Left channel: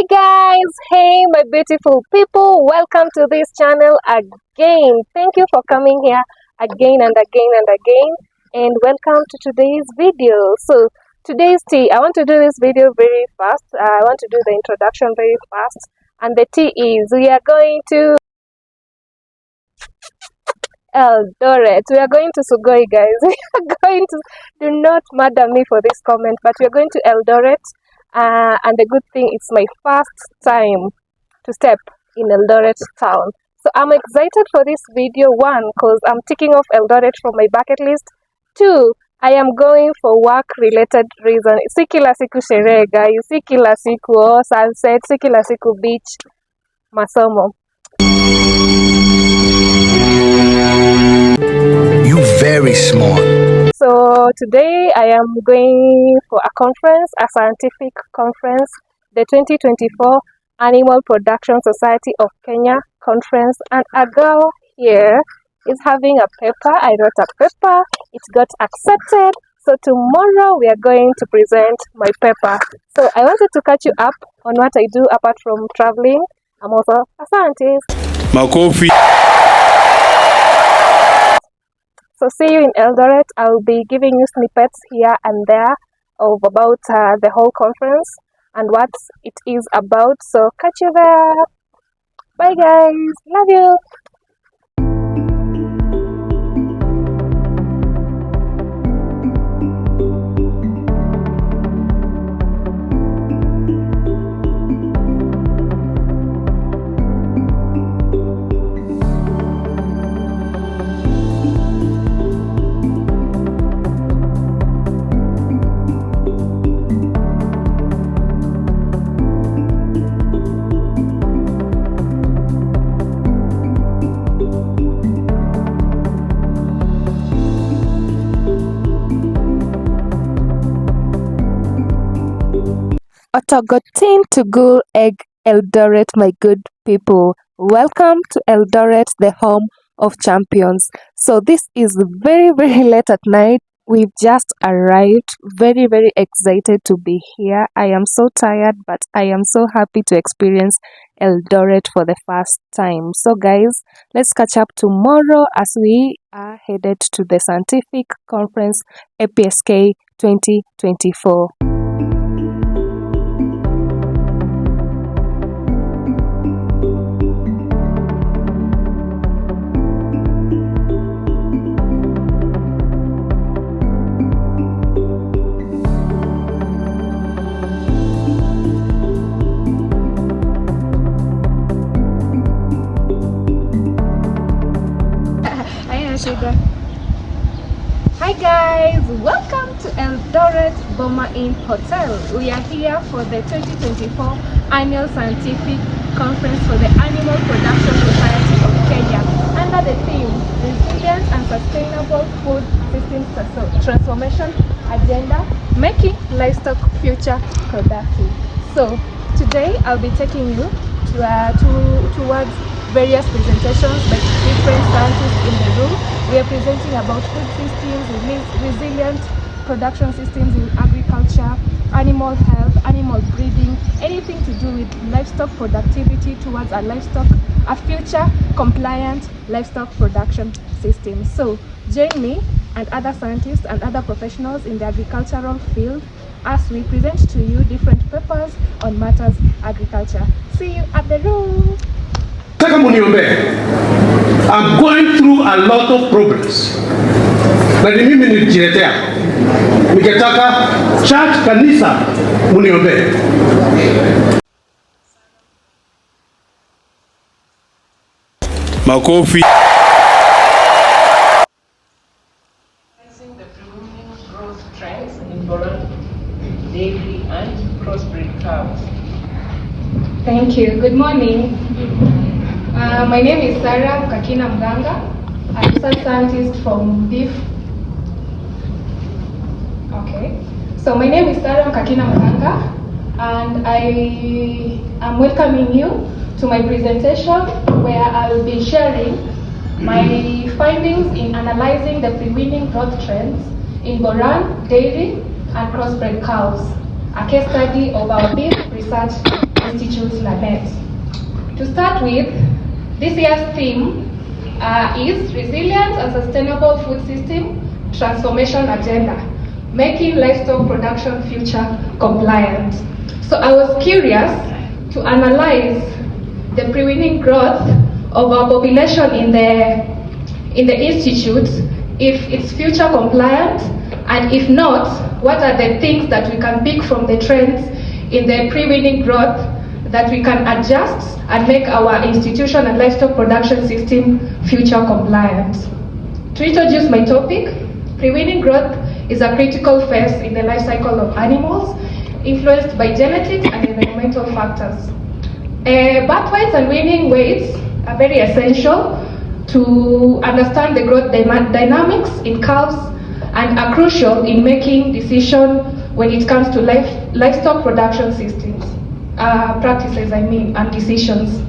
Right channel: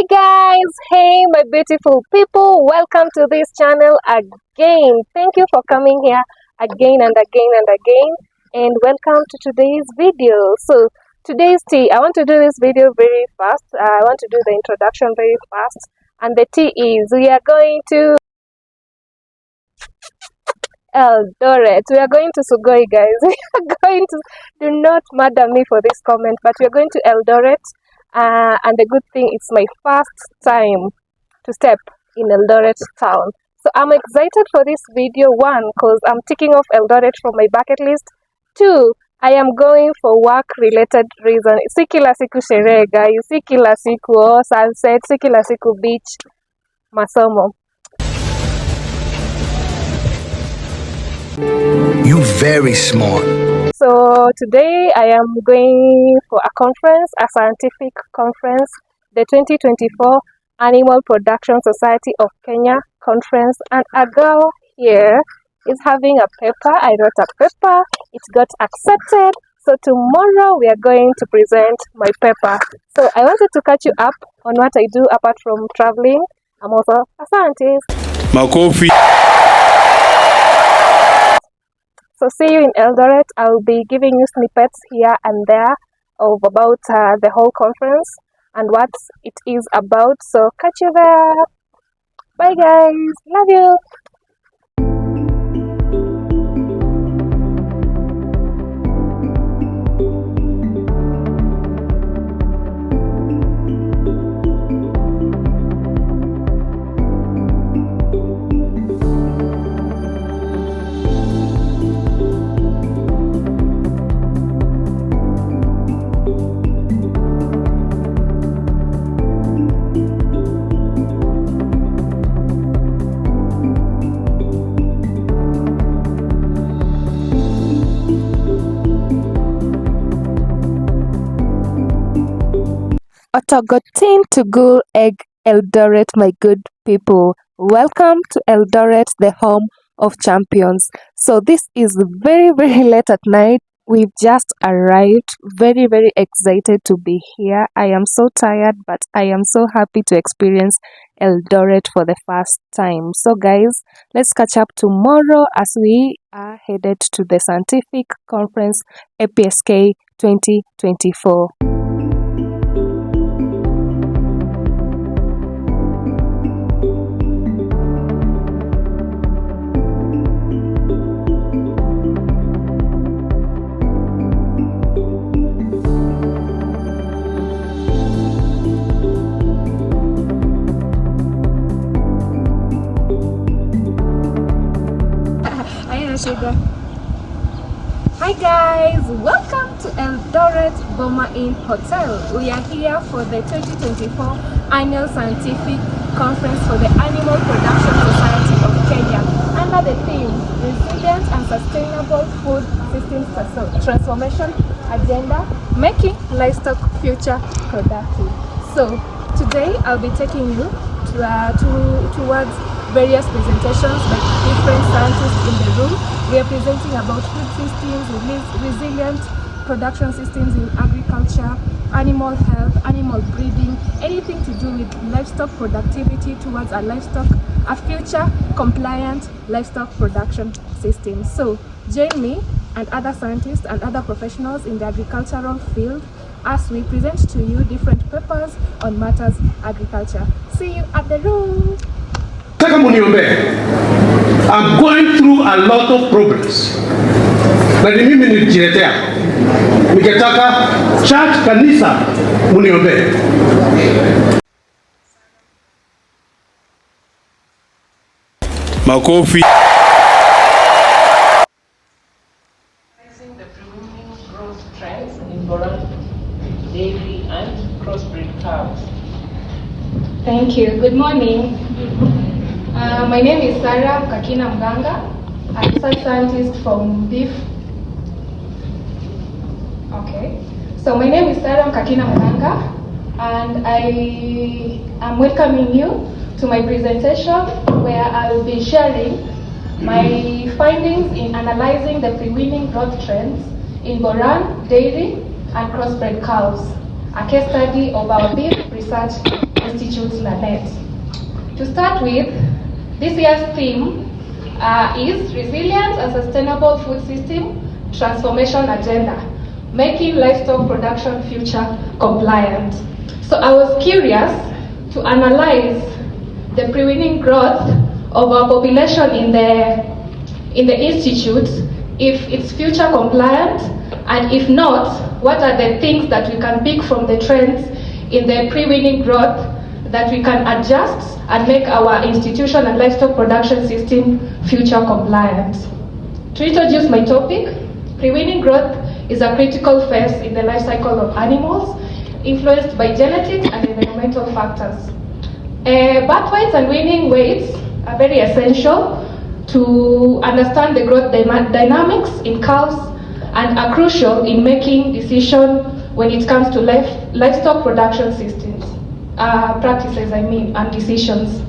Hey guys, hey my beautiful people, welcome to this channel again. Thank you for coming here again and again and again, and welcome to today's video. So today's tea, I want to do this video very fast. I want to do the introduction very fast, and the tea is we are going to Eldoret. We are going to Sugoi, guys. We are going to, do not murder me for this comment, but we are going to Eldoret. And the good thing, it's my first time to step in Eldoret town. So I'm excited for this video. One, because I'm ticking off Eldoret from my bucket list. Two, I am going for work-related reason. Si kila siku sherehe, guys. Si kila siku sunset. Si kila siku beach. Masomo. You very smart. So today I am going for a conference, a scientific conference, the 2024 Animal Production Society of Kenya conference, and a girl here is having a paper. I wrote a paper, it got accepted, so tomorrow we are going to present my paper. So I wanted to catch you up on what I do apart from traveling. I'm also a scientist. Makofi. So see you in Eldoret. I'll be giving you snippets here and there of about the whole conference and what it is about. So catch you there. Bye guys. Love you. Otogotin Tugul Egg Eldoret, my good people. Welcome to Eldoret, the home of champions. So this is very late at night. We've just arrived. Very excited to be here. I am so tired, but I am so happy to experience Eldoret for the first time. So guys, let's catch up tomorrow as we are headed to the scientific conference Apsk 2024. Hi guys, welcome to Eldoret Boma Inn Hotel. We are here for the 2024 Annual Scientific Conference for the Animal Production Society of Kenya under the theme Resilient and Sustainable Food Systems Transformation Agenda, Making Livestock Future Productive. So today I'll be taking you towards various presentations by different scientists in the room. We are presenting about food systems, resilient production systems in agriculture, animal health, animal breeding, anything to do with livestock productivity towards a future compliant livestock production system. So join me and other scientists and other professionals in the agricultural field as we present to you different papers on matters agriculture. See you at the room. I'm going through a lot of problems. Na ni mimi nilijiletea. Nikataka church kanisa muniombee. Makofi. The preliminary growth trends in Boma, dairy and crossbreed cows. Thank you. Good morning. My name is Sarah Kakina Mganga. I'm a scientist from beef. Okay. So my name is Sarah Kakina Mganga, and I am welcoming you to my presentation where I will be sharing my findings in analyzing the pre-weaning growth trends in Boran, dairy, and crossbred cows, a case study of our beef research Institute Lanet. To start with, this year's theme is Resilient and Sustainable Food System Transformation Agenda, making livestock production future compliant. So I was curious to analyze the pre-weaning growth of our population in the institute, if it's future compliant, and if not, what are the things that we can pick from the trends in the pre-weaning growth that we can adjust and make our institution and livestock production system future compliant. To introduce my topic, pre-weaning growth is a critical phase in the life cycle of animals, influenced by genetic and environmental factors. Birth weights and weaning weights are very essential to understand the growth dynamics in calves and are crucial in making decisions when it comes to livestock production systems, practices and decisions.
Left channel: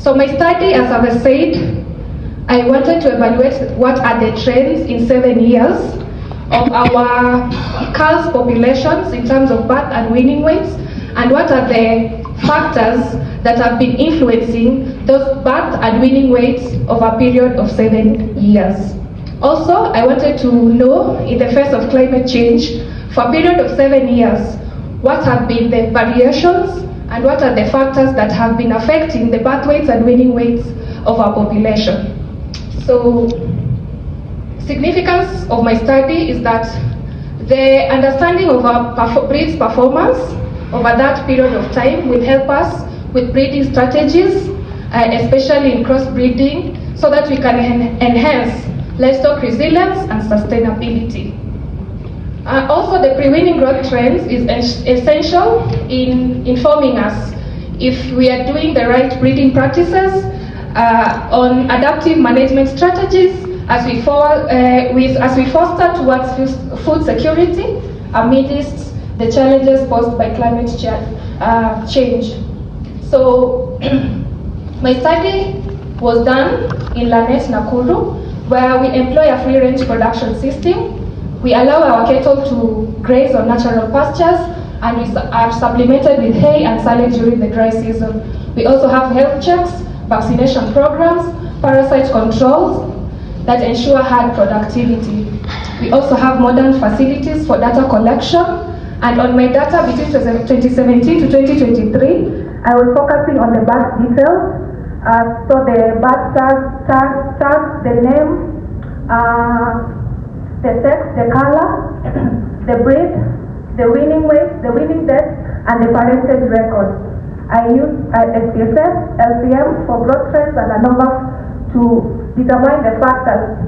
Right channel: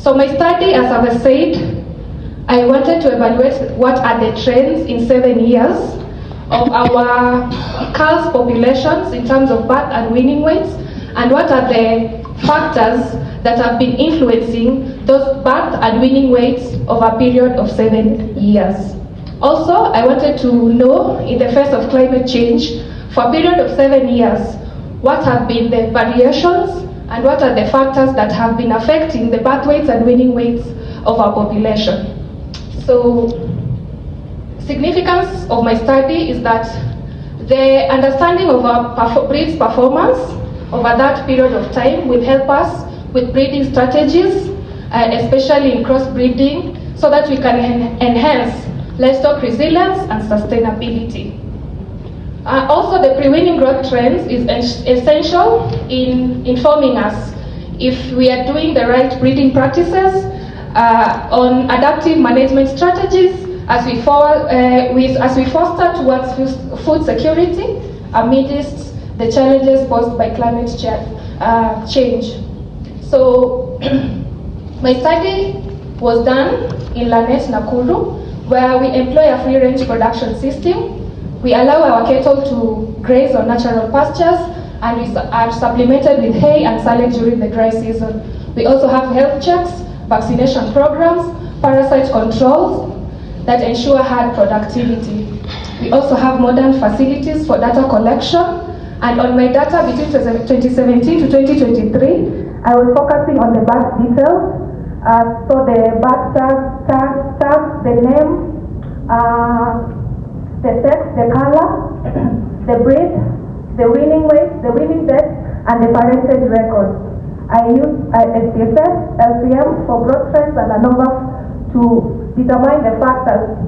So my study, as I've said, I wanted to evaluate what are the trends in 7 years of our calves populations in terms of birth and weaning weights, and what are the factors that have been influencing those birth and weaning weights over a period of 7 years. Also, I wanted to know, in the face of climate change, for a period of 7 years, what have been the variations and what are the factors that have been affecting the birth weights and weaning weights of our population. So, significance of my study is that the understanding of our breed's performance over that period of time will help us with breeding strategies, especially in crossbreeding, so that we can enhance livestock resilience and sustainability. Also, the pre-weaning growth trends is essential in informing us if we are doing the right breeding practices on adaptive management strategies as we foster towards food security amidst the challenges posed by climate change. So, my study was done in Lanet, Nakuru, where we employ a free-range production system. We allow our cattle to graze on natural pastures, and we are supplemented with hay and silage during the dry season. We also have health checks, vaccination programs, parasite controls that ensure herd productivity. We also have modern facilities for data collection, and on my data between 2017 to 2023, I was focusing on the birth details. So the birth tags, the name, the sex, the color, the breed, the weaning weight, the weaning depth, and the parentage record. I used SPSS, LCM for growth trends and ANOVA to determine the factors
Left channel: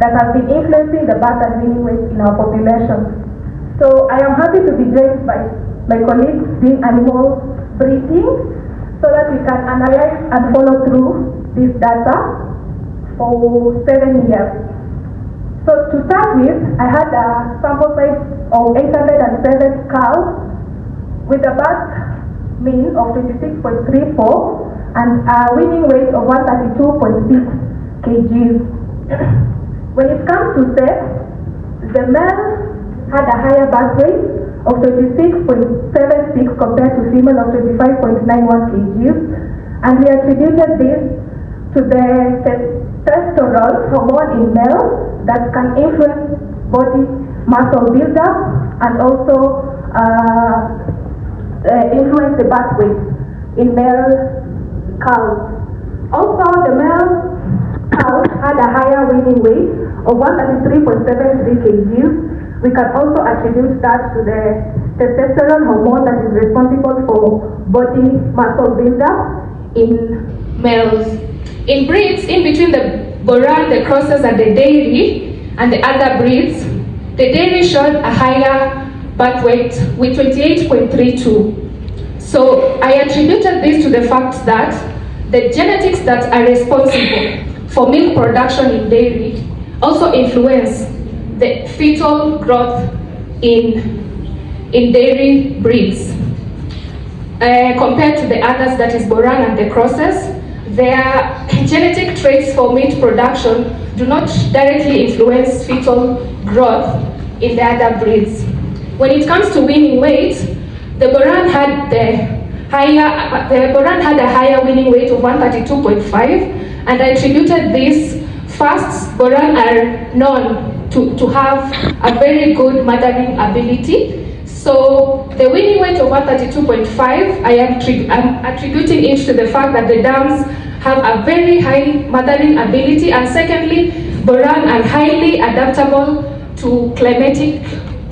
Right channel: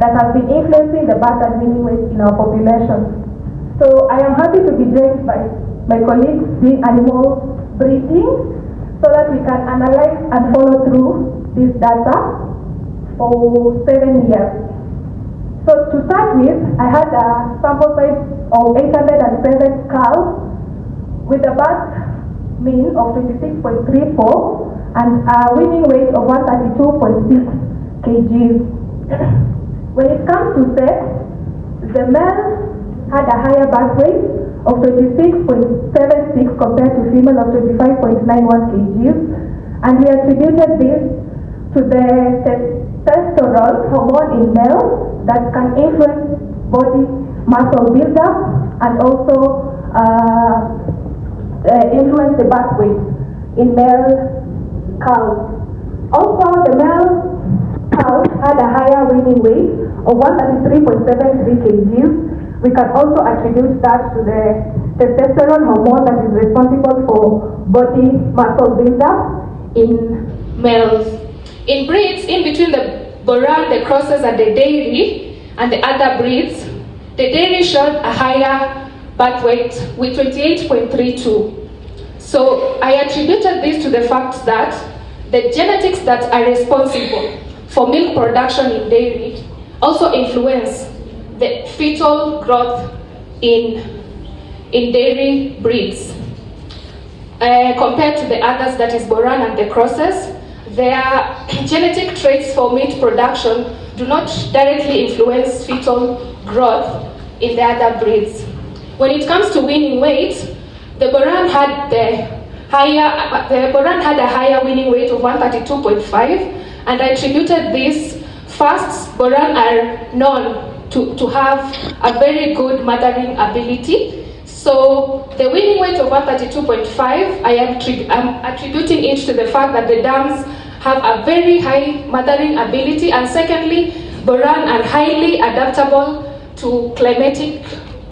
that have been influencing the birth and weaning weight in our population. So I am happy to be joined by my colleagues doing animal breeding, so that we can analyze and follow through this data for 7 years. So to start with, I had a sample size of 807 cows with a birth mean of 26.34 and a weaning weight of 132.6 kgs. When it comes to sex, the male had a higher birth weight of 26.76 compared to female of 25.91 kgs, and we attributed this to the testosterone hormone in male that can influence body muscle buildup and also influence the birth weight in male cows. Also, the male cows had a higher weaning weight of 133.73 kgs. We can also attribute that to the testosterone hormone that is responsible for body muscle buildup in males. In breeds, in between the Boran, the crosses, and the dairy, and the other breeds, the dairy showed a higher birth weight with 28.32. So I attributed this to the fact that the genetics that are responsible for milk production in dairy also influence the fetal growth in dairy breeds. Compared to the others, that is Boran and the crosses, their genetic traits for meat production do not directly influence fetal growth in the other breeds. When it comes to weaning weight, the Boran had the the Boran had a higher winning weight of 132.5, and I attributed this. First, Boran are known to have a very good mothering ability. So the winning weight of 132.5, I'm attributing it to the fact that the dams have a very high mothering ability, and secondly, Boran are highly adaptable to climatic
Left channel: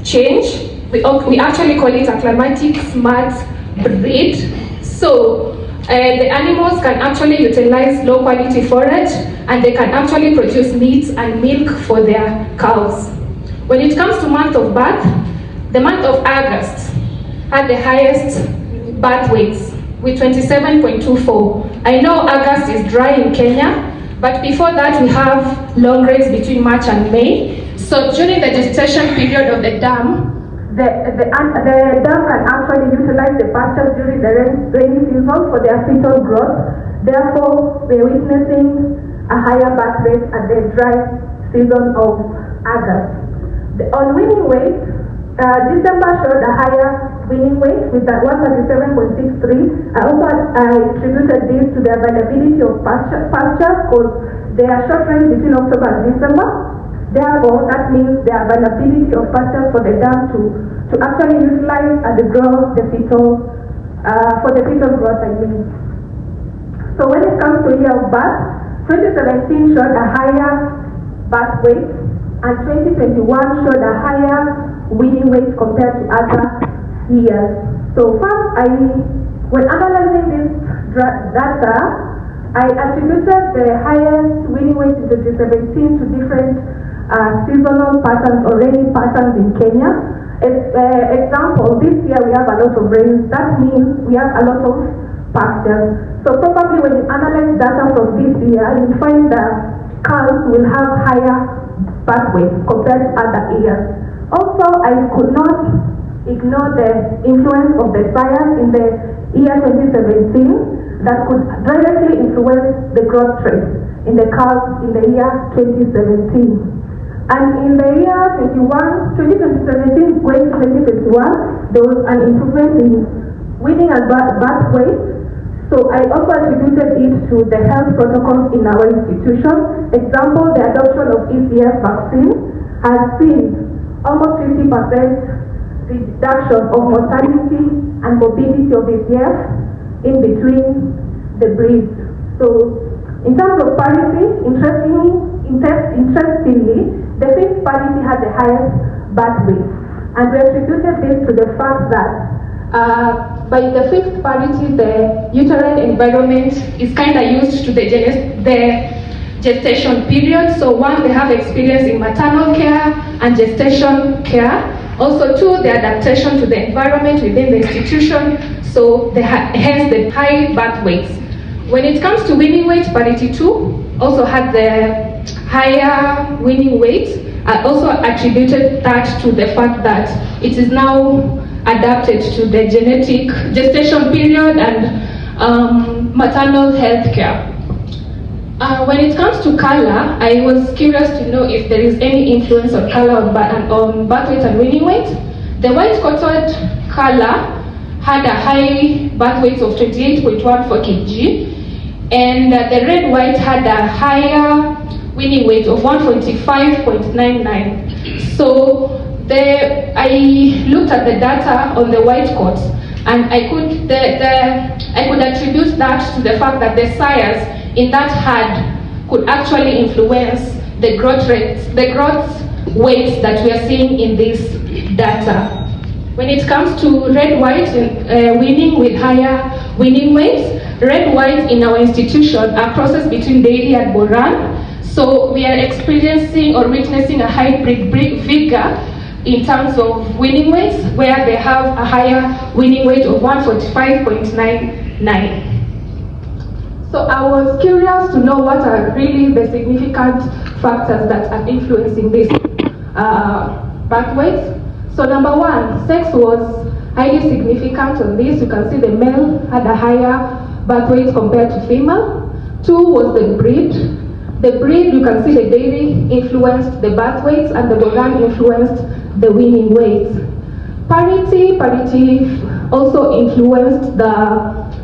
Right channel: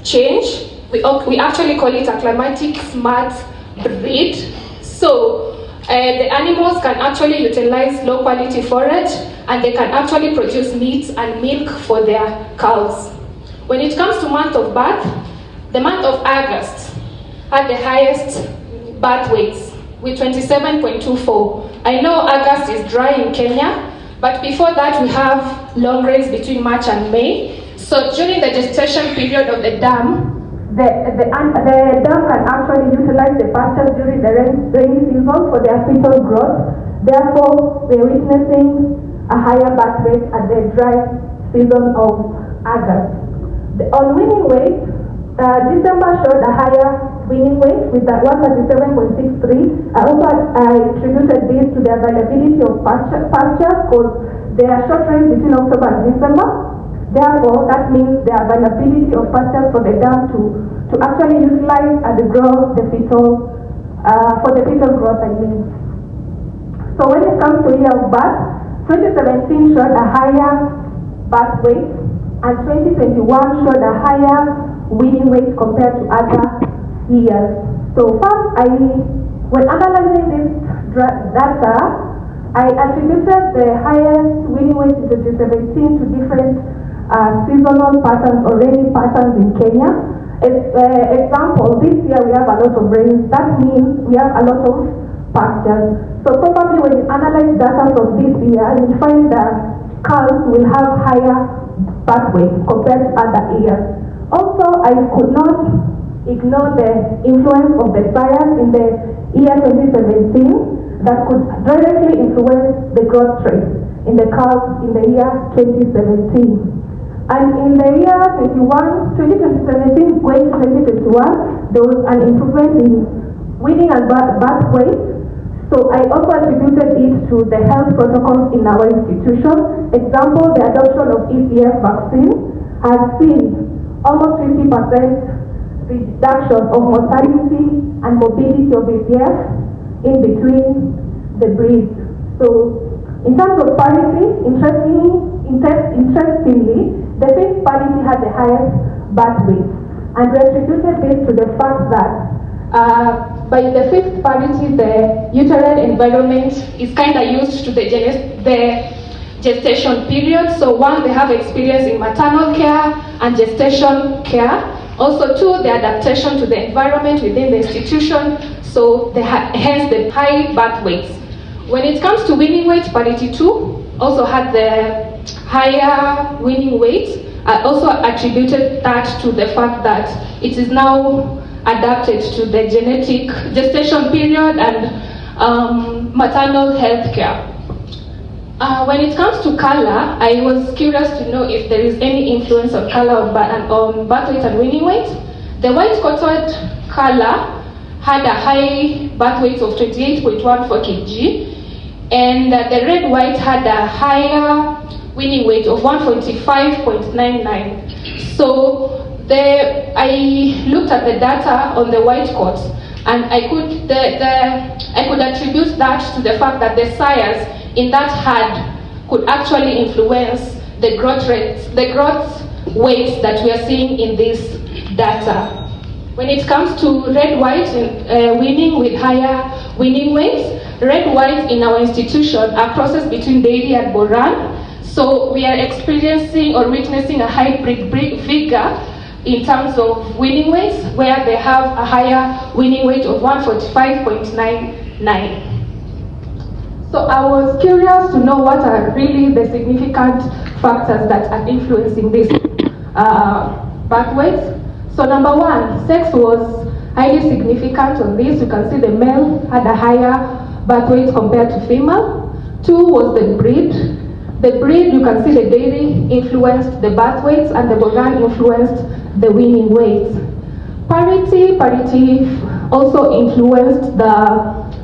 change. We actually call it a climatic smart breed. So the animals can actually utilize low quality forage, and they can actually produce meat and milk for their cows. When it comes to month of birth, the month of August had the highest birth weights with 27.24. I know August is dry in Kenya, but before that we have long rains between March and May. So during the gestation period of the dam, the dam can actually utilize the pastures during the rainy season for their fetal growth. Therefore, we're witnessing a higher birth rate at the dry season of August. On winning weight, December showed a higher winning weight with 137.63. I attributed this to the availability of pastures because there are short rains between October and December. Therefore, that means the availability of pastures for the dam to actually utilize and grow the fetal, for the fetal growth, I mean. So when it comes to year of birth, 2017 showed a higher birth weight, and 2021 showed a higher winning weight compared to other years. So first, when analyzing this data, I attributed the highest winning weight in 2017 to different seasonal patterns or rainy patterns in Kenya. Example, this year we have a lot of rain. That means we have a lot of pastures. So probably when you analyze data from this year, you'll find that cows will have higher birth weight compared to other years. Also, I could not ignore the influence of the fires in the year 2017 that could directly influence the growth rate in the cows in the year 2017. And in the year 2017 going to 2021, there was an improvement in winning and birth weight. So I also attributed it to the health protocols in our institution. Example, the adoption of ECF vaccine has seen almost 50% reduction of mortality and morbidity of ECF in between the breeds. So in terms of parity, interestingly, the fifth parity had the highest birth weight, and we attributed this to the fact that by the fifth parity, the uterine environment is kind of used to the gestation period. So one, they have experience in maternal care and gestation care. Also two, the adaptation to the environment within the institution. So hence the high birth weights. When it comes to winning weight, parity 2 also had the higher winning weight. I also attributed that to the fact that it is now adapted to the genetic gestation period and maternal health care. When it comes to color, I was curious to know if there is any influence of color on birth weight and winning weight. The white-coated color had a high birth weight of 28.14 kg, and the red-white had a higher winning weight of 145.99. So I looked at the data on the white coats, and I could attribute that to the fact that the sires in that herd could actually influence the growth rates, the growth weights that we are seeing in this data. When it comes to red-white winning with higher winning weights, red-white in our institution are processed between dairy and Boran. So we are experiencing or witnessing a hybrid vigor in terms of winning weights, where they have a higher winning weight of 145.99. So I was curious to know what are really the significant factors that are influencing this birth weight. So number one, sex was highly significant on this. You can see the male had a higher birth weight compared to female. Two was the breed. The breed, you can see the dairy influenced the birth weights and the Boran influenced the winning weights. Parity also influenced the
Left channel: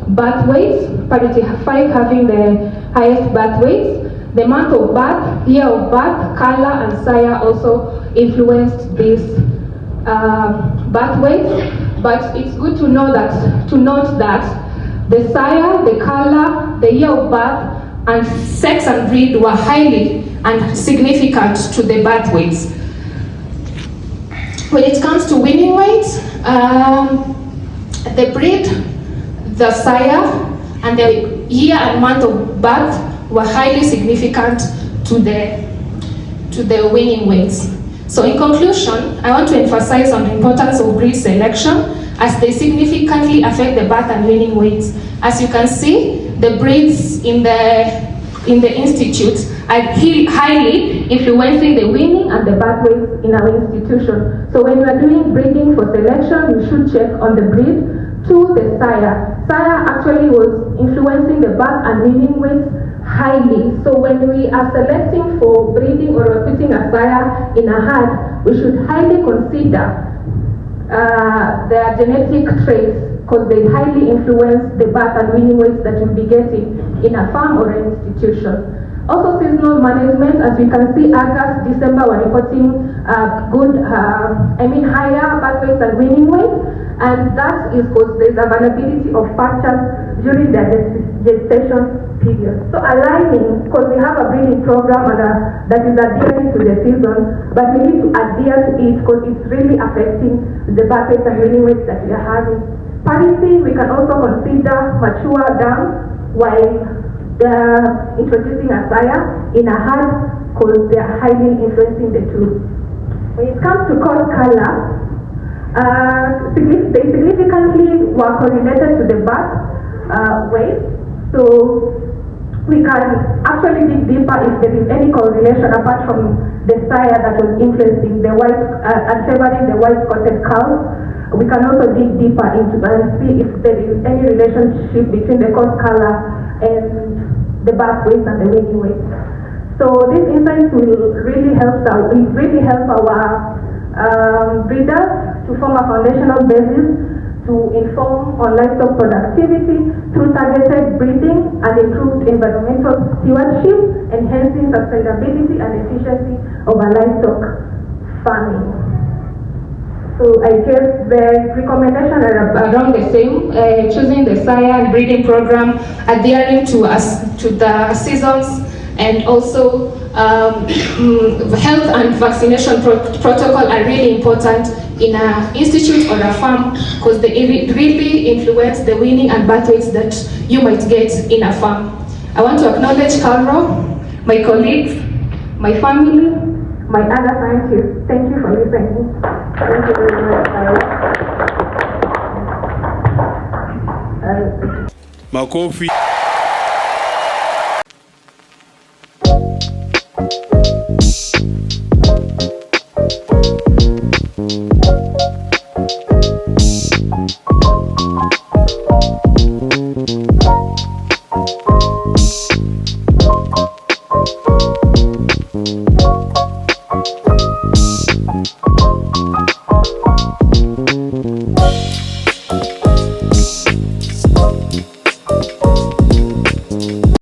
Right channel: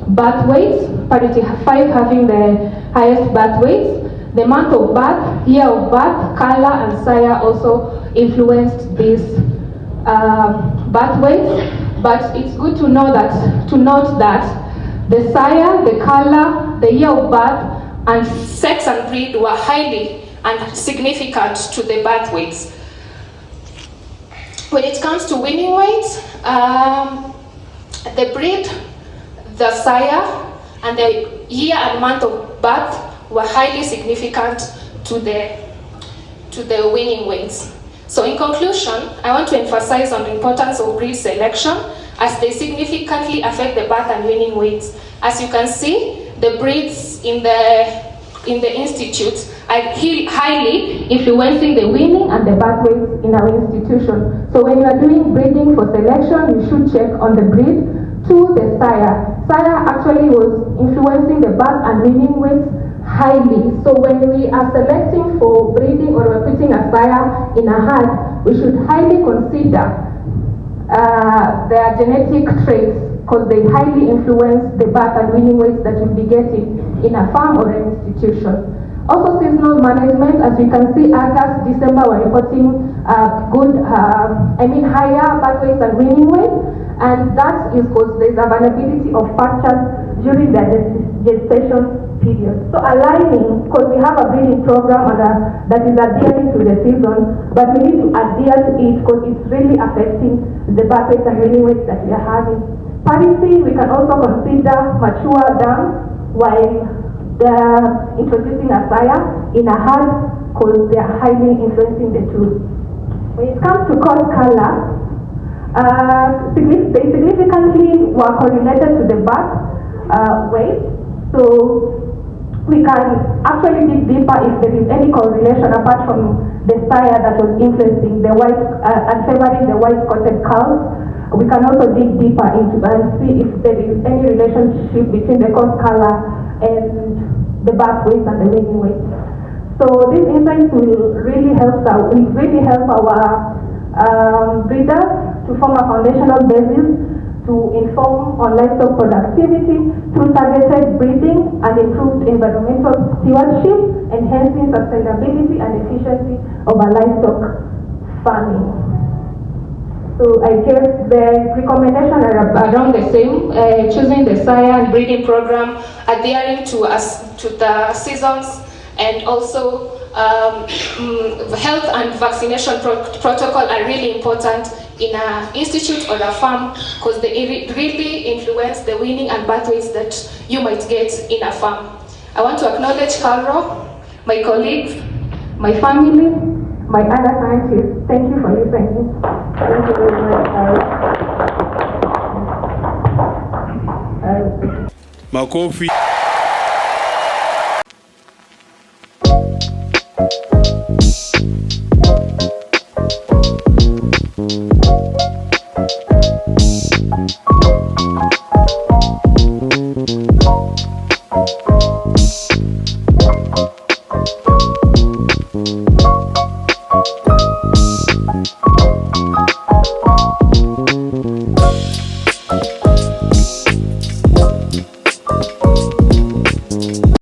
birth weights, parity 5 having the highest birth weights. The month of birth, year of birth, color, and sire also influenced these birth weights. But it's good to note that the sire, the color, the year of birth, and sex and breed were highly and significant to the birth weights. When it comes to weaning weights, the breed, the sire, and the year and month of birth were highly significant to the weaning weights. So in conclusion, I want to emphasize on the importance of breed selection as they significantly affect the birth and weaning weights. As you can see, the breeds in the institute are highly influencing the weaning and the birth weights in our institution. So when you are doing breeding for selection, you should check on the breed to the sire. Sire actually was influencing the birth and weaning weights highly. So when we are selecting for breeding or we're putting a sire in a herd, we should highly consider their genetic traits, because they highly influence the birth and weaning weights that you'll be getting in a farm or an institution. Also seasonal management, as you can see, August, December we're reporting higher birth weights and weaning weights, and that is because there's availability of pastures during the gestation period. So aligning, because we have a breeding program that is adhering to the season, but we need to adhere to it because it's really affecting the birth weights and weaning weights that we are having. Parity, we can also consider mature dams while they're introducing a sire in a herd because they are highly influencing the two. When it comes to coat color, they significantly were correlated to the birth weight. So we can actually dig deeper if there is any correlation apart from the sire that was influencing the white and favoring the white coated cows. We can also dig deeper into and see if there is any relationship between the coat color and the birth weight and the weaning weight. So these insights will really help our breeders to form a foundational basis to inform on livestock productivity through targeted breeding and improved environmental stewardship, enhancing sustainability and efficiency of a livestock farming. So I guess the recommendations are around the same, choosing the sire and breeding program, adhering to the seasons, and also health and vaccination protocol are really important in an institute or a farm because they really influence the weaning and birth weights that you might get in a farm. I want to acknowledge Carol, my colleagues, my family, my other scientists. Thank you for listening. Thank you very much. Makofi.